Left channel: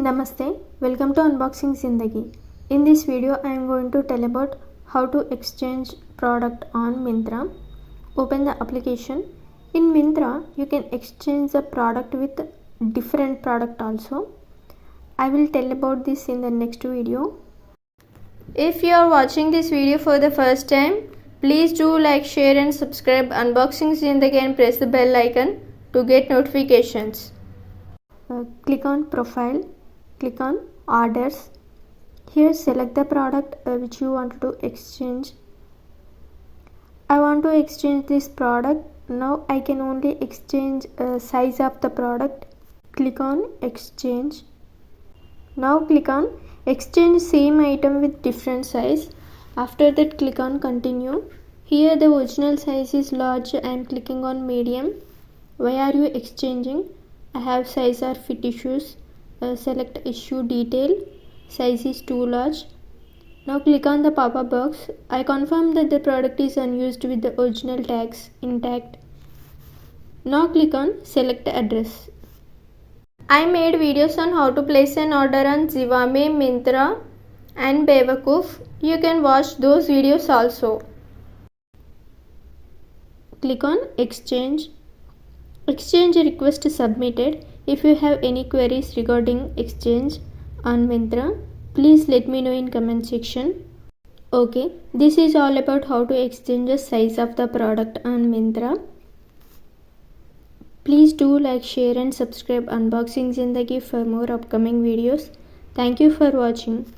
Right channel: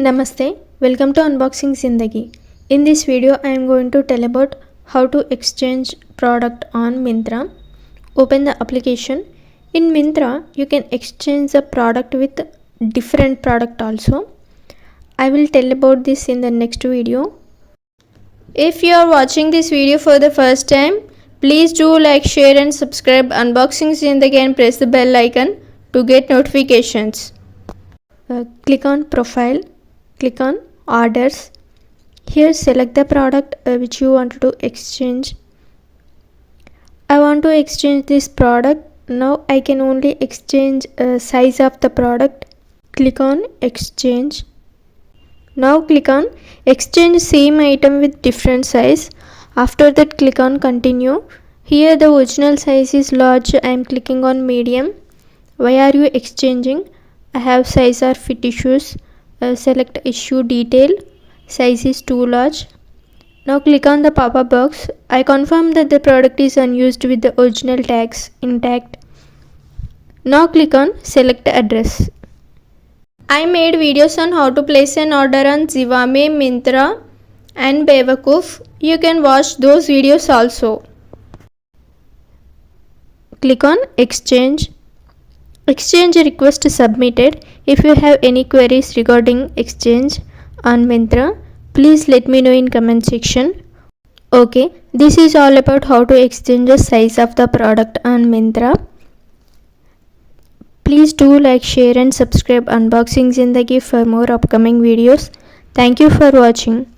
Namaste, welcome to Unboxing Zindagi. In this video, I am going to tell about how to exchange product on Myntra. Open the application. In Myntra, you can exchange the product with different product also. I will tell about this in the next video. If you are watching this video for the first time, please do like, share and subscribe Unboxing Zindagi and press the bell icon to get notifications. Click on Profile. Click on Orders. Here select the product which you want to exchange. I want to exchange this product. Now I can only exchange size of the product. Click on Exchange. Now click on Exchange same item with different size. After that click on Continue. Here the original size is large. I am clicking on Medium. Why are you exchanging? I have size or fit issues. Select issue detail. Size is too large. Now click on the pop-up box. I confirm that the product is unused with the original tags intact. Now click on Select Address. I made videos on how to place an order on Zivame, Myntra and Bewakoof. You can watch those videos also. Click on Exchange. Exchange request submitted. If you have any queries regarding exchange on Myntra, please let me know in comment section. Okay, this is all about how to exchange the size of the product on Myntra. Please do like, share and subscribe Unboxing Zindagi for more upcoming videos. Thank you for watching.